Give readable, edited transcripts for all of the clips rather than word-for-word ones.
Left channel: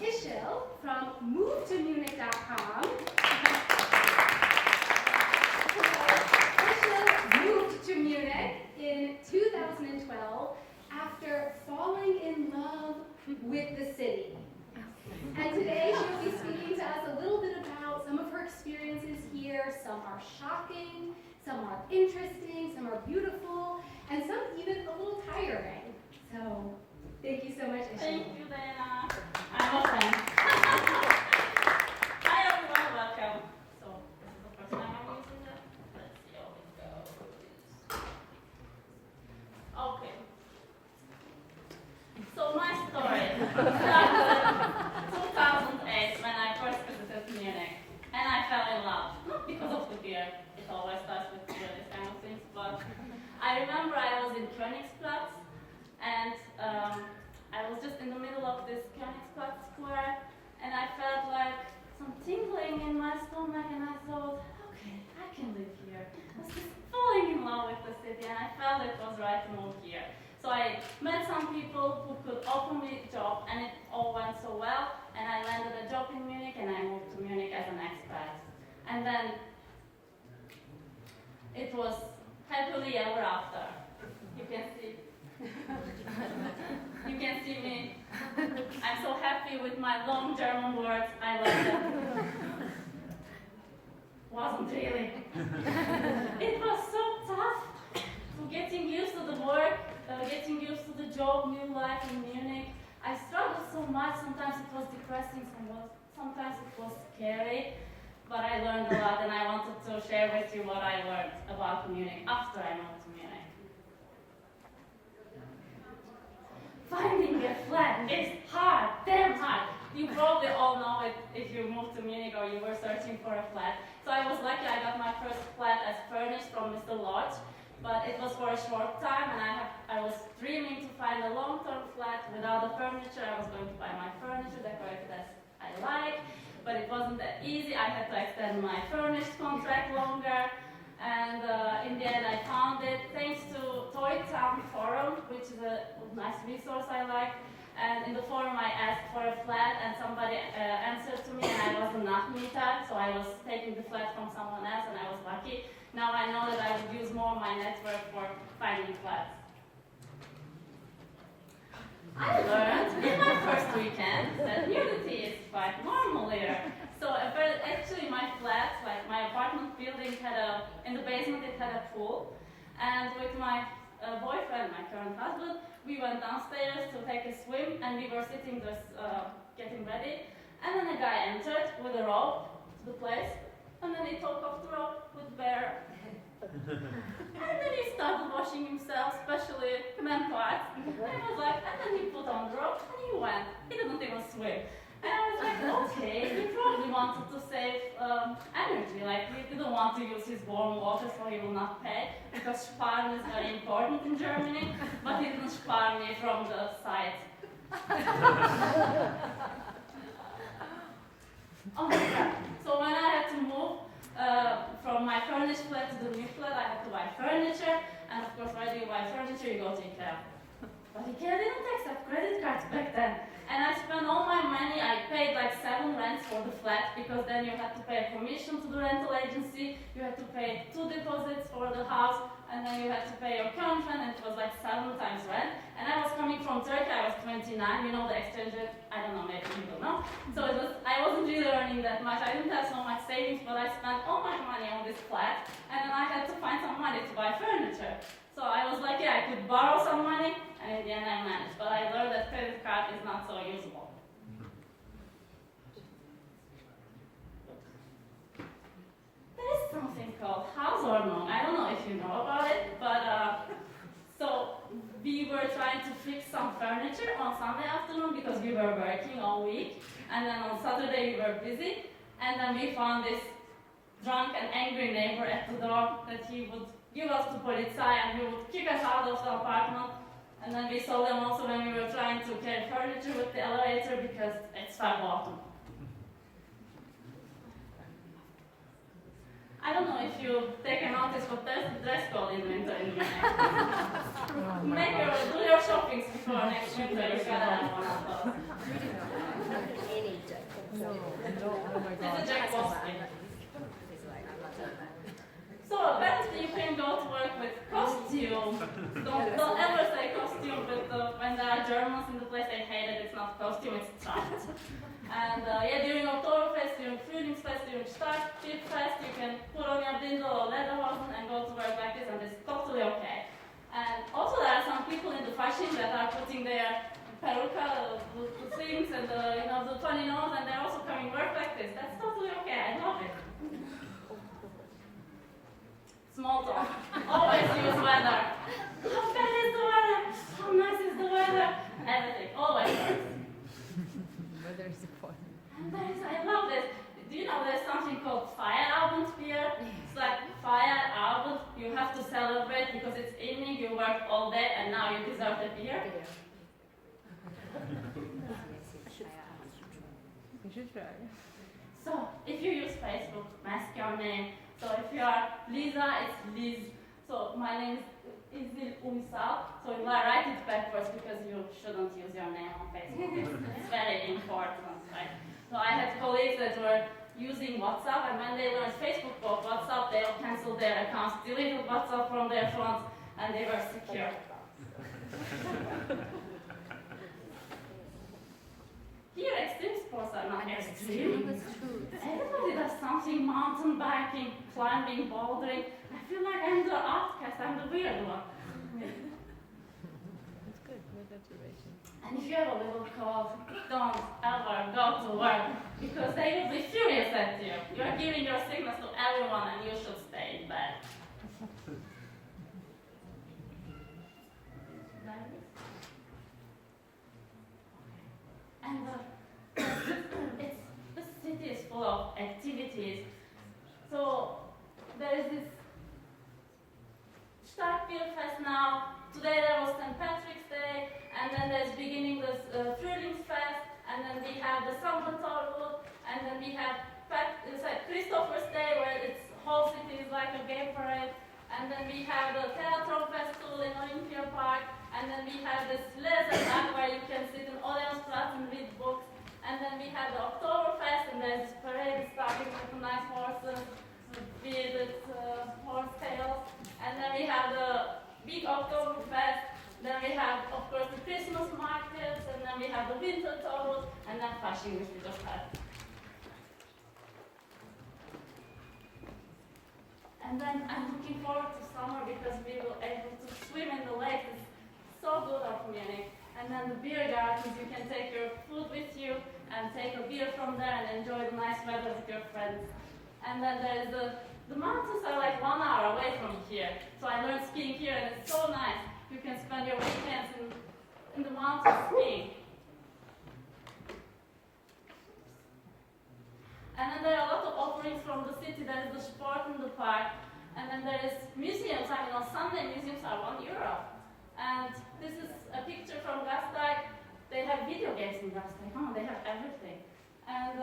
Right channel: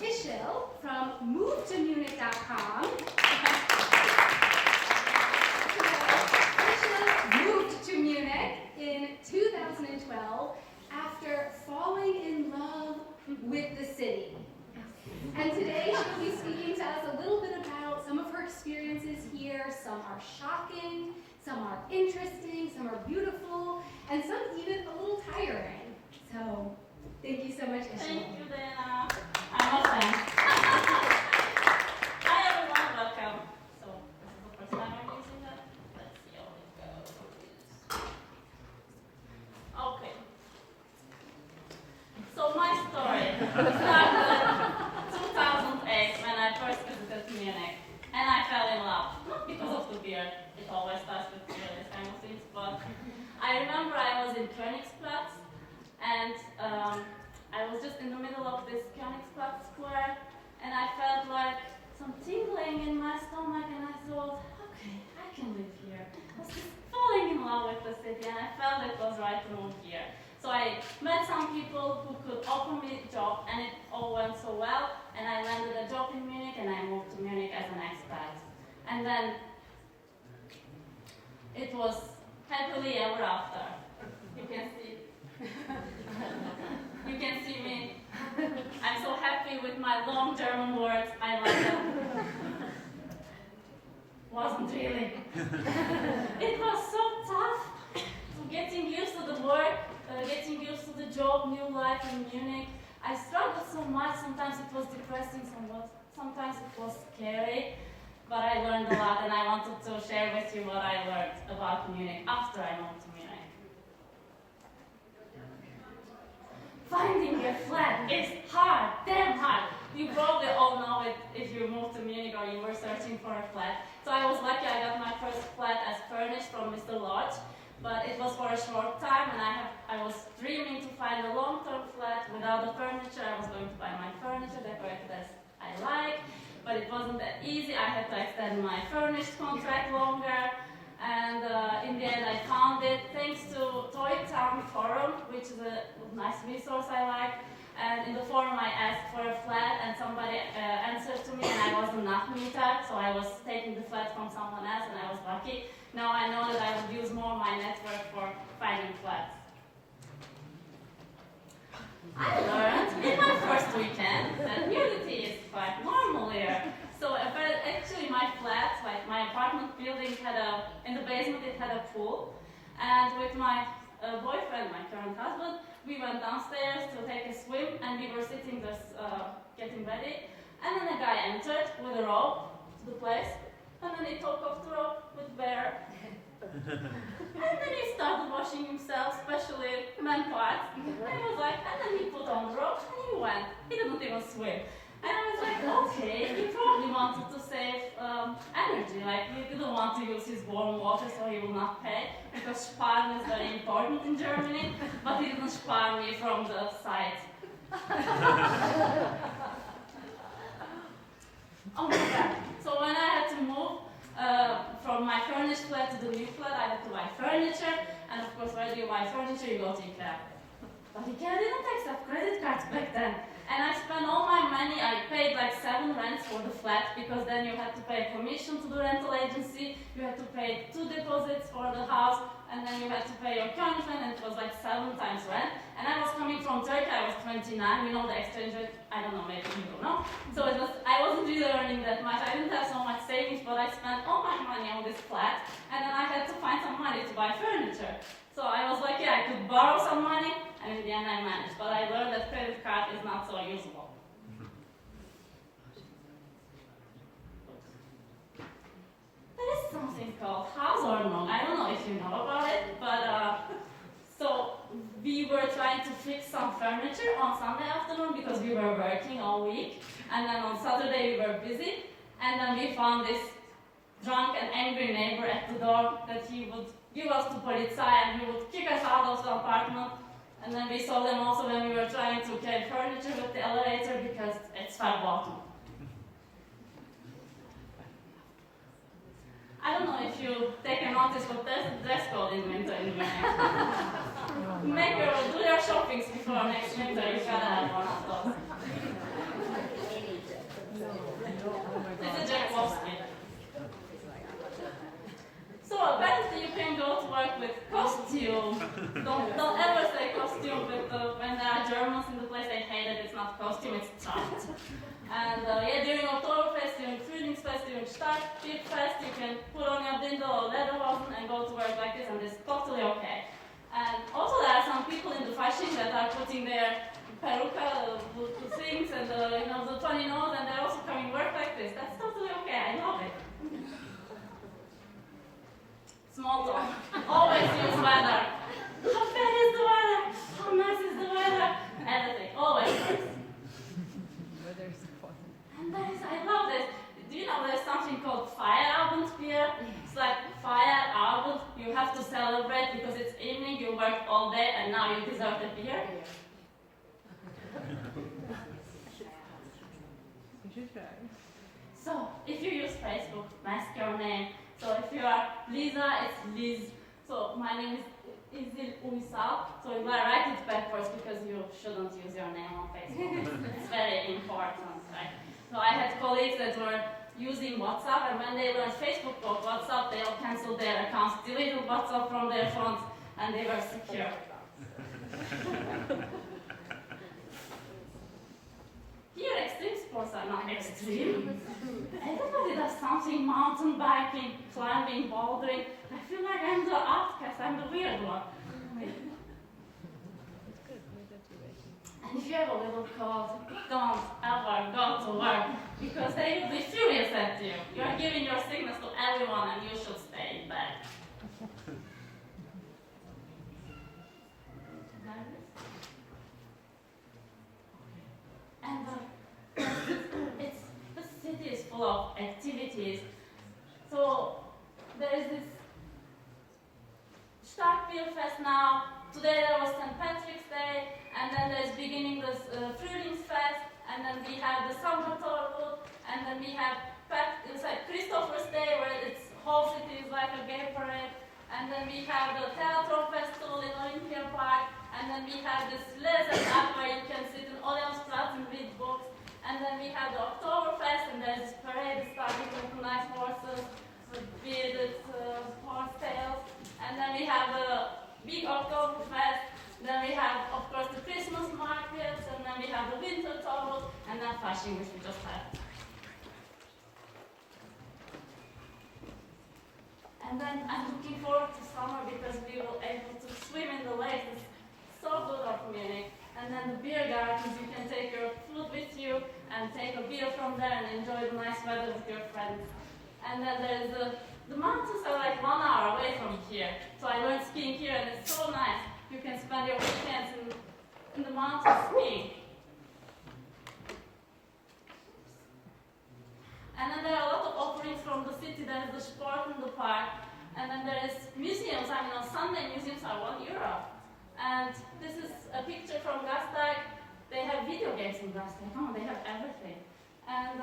Isil from MoveToMunich.com. Isil moved to Munich in 2012 after falling in love with the city. And today she'll be speaking to us a little bit about some of her experiences here. Some are shocking, some are interesting, some are beautiful, and some even a little tiring. So, thank you so much, Isil. Thank you, Dana. I'm a fan. Hi, everyone. Welcome. So, this is the first time I'm using that. Let's see how it goes. Okay. So, my story started in 2008 when I first visited Munich. And I fell in love. Not because of the beer. It always starts with beer, these kind of things. But I remember I was in Expat. And I was just in the middle of this Expat square, and I felt like some tingling in my stomach, and I thought, okay, I can live here. I was just falling in love with the city, and I felt it was right to move here. So I met some people who could offer me a job, and it all went so well, and I landed a job in Munich, and I moved to Munich as an expat. And then it was happily ever after. You can see. You can see me. I'm so happy with my long German words. I like them. Wasn't really. It was so tough. Getting used to the work, getting used to the job, new life in Munich. I struggled so much. Sometimes it was depressing, sometimes it was scary. But I learned a lot, and I wanted to share with you what I learned about Munich after I moved to Munich. Finding a flat is hard, damn hard. You probably all know it if you moved to Munich or you were searching for a flat. So I was lucky I got my first flat as furnished from Mr. Lodge, but it was for a short time, and I was dreaming to find a long-term flat without the furniture. I was going to buy my furniture, decorated as I like, but it wasn't that easy. I had to extend my furnished contract longer. And in the end, I found it thanks to Toy Town Forum, which is a nice resource I like. And in the forum, I asked for a flat, and somebody answered to me, and I was a Nachmieter, so I was taking the flat from someone else, and I was lucky. Now I know that I would use more my network for finding flats. I learned in my first weekend that nudity is quite normal here. So actually my flat, like my apartment building in the basement it had a pool. And with my boyfriend, my current husband, we went downstairs to take a swim, and we were sitting just getting ready. And then a guy entered with a rope to the place, and then he took off the rope with bare. And then he started washing himself, especially men parts. And he was like, and then he put on the rope and he went. He didn't even swim. And I was like, okay, he probably wanted to save energy. Like, he didn't want to use his warm water, so he will not pay, because sparen is very important in Germany, but he didn't spare me from the side. Oh my God. So when I had to move from my furnished flat to the new flat, I had to buy furniture, and of course, when you buy furniture, you go to IKEA. But IKEA didn't accept credit cards back then. And I spent all my money. I paid like 7 rents for the flat, because then you had to pay a commission to the rental agency, you had to pay 2 deposits for the house, and then you had to pay your current rent, and it was like 7 times rent. And I was coming from Turkey, I was 29, you know the exchange rate, I don't know, maybe you don't know. So I wasn't really earning that much, I didn't have so much savings, but I spent all my money on this flat, and then I had to find some money to buy furniture. So I was like, yeah, I could borrow some money, and in the end I managed. But I learned that credit card is not so usable. There is something called Hausordnung. I don't know if you know about it, but so we were trying to fix some furniture on Sunday afternoon because we were working all week, and then on Saturday we were busy, and then we found this drunk and angry neighbor at the door that he would give us to Polizei, and he would kick us out of the apartment. And then we saw them also when we were trying to carry furniture with the elevator, because it's verboten. I don't know if you take a notice, but there's a dress code in winter in Munich. Do your shoppings before next winter, you gotta have one of those. costume. Don't ever say costume, but when there are Germans in the place, they hate it. It's not costume, it's Tracht. And yeah, during Oktoberfest, during Frühlingsfest, during Starkbierfest, you can put on your Dindel or lederhosen and go to work like this, and it's totally okay. And also there are some people in the fashion that are putting their peruca, the things, and the funny nose, and they're also coming work like this. That's totally okay. I love it. Small talk. Always use weather. How bad is the weather? How nice is the weather? Everything. Always. And I love this. Do you know there's something called Feierabend beer? It's like Feierabend. You have to celebrate because it's evening, you work all day, and now you deserve the beer. So, if you use Facebook, mask your name. So, if you are Lisa, it's Liz. So, my name is Isil. So, you write it backwards because you shouldn't use your name on Facebook. It's very important, right? So, I had colleagues that were using WhatsApp, and when they learned Facebook or WhatsApp, they canceled their accounts, deleted WhatsApp from their phones, and they were secure. Here, extreme sports are not extreme. Everybody does something, mountain biking, climbing, bouldering. I feel like I'm the outcast, I'm the weird one. And if you have a little cold, don't ever go to work, because they will be furious at you. You are giving your sickness to everyone, and you should stay in bed. And the city is full of activities. So there is this Starkbierfest now. Today there was St. Patrick's Day, and then there's beginning this Frühlingsfest, and then we have the Sommertorwood, and then we have it's like Christopher's Day, where its whole city is like a gay parade, and then we have the Theatro Festival in Olympia Park, and then we have this Lesenacht where you can sit in Odeonsplatz and read books. And then we have the Oktoberfest, and there's this parade starting with the nice horses, with horse tails. And then we have the big Oktoberfest. Then we have, of course, the Christmas markets, and then we have the winter total, and then fashion, which we just had. And then I'm looking forward to summer because we will be able to swim in the lake. It's so good of Munich. And then the beer gardens, you can take your food with you and take a beer from there and enjoy the nice weather with your friends. And then there's the mountains are like 1 hour away from here. So I learned skiing here, and it's so nice. You can spend your weekends in the mountains skiing. And then there are a lot of offerings from the city. There's the Sport in the park. And then there is museums. I mean, on Sunday, museums are €1. And this is a picture from Gasteig. They have video games in Gasteig. Oh, they have everything. And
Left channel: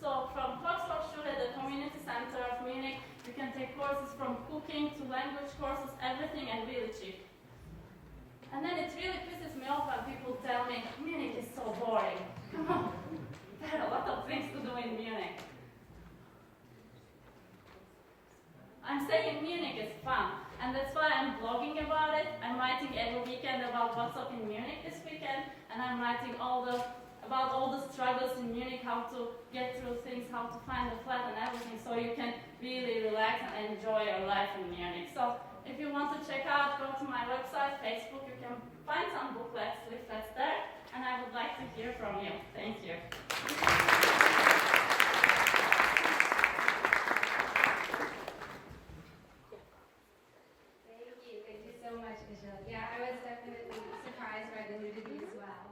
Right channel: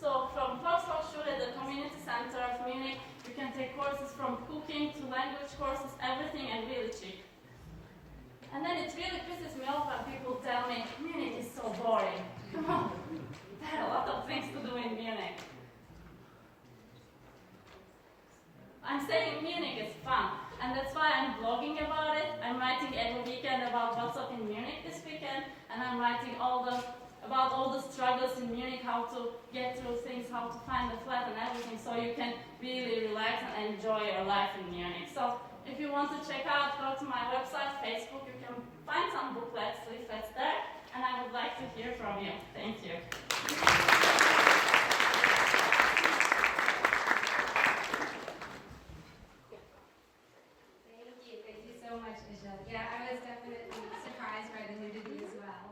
so from Volkshochschule, the community center of Munich, you can take courses from cooking to language courses, everything, and really cheap. And then it really pisses me off when people tell me, Munich is so boring. Come on, there are a lot of things to do in Munich. I'm saying Munich is fun. And that's why I'm blogging about it. I'm writing every weekend about what's up in Munich this weekend, and I'm writing about all the struggles in Munich, how to get through things, how to find a flat and everything, so you can really relax and enjoy your life in Munich. So if you want to check out, go to my website, Facebook, you can find some booklets, leaflets there, and I would like to hear from you. Thank you. Thank you so much, Isil. Yeah, I was definitely surprised by the nudity as well.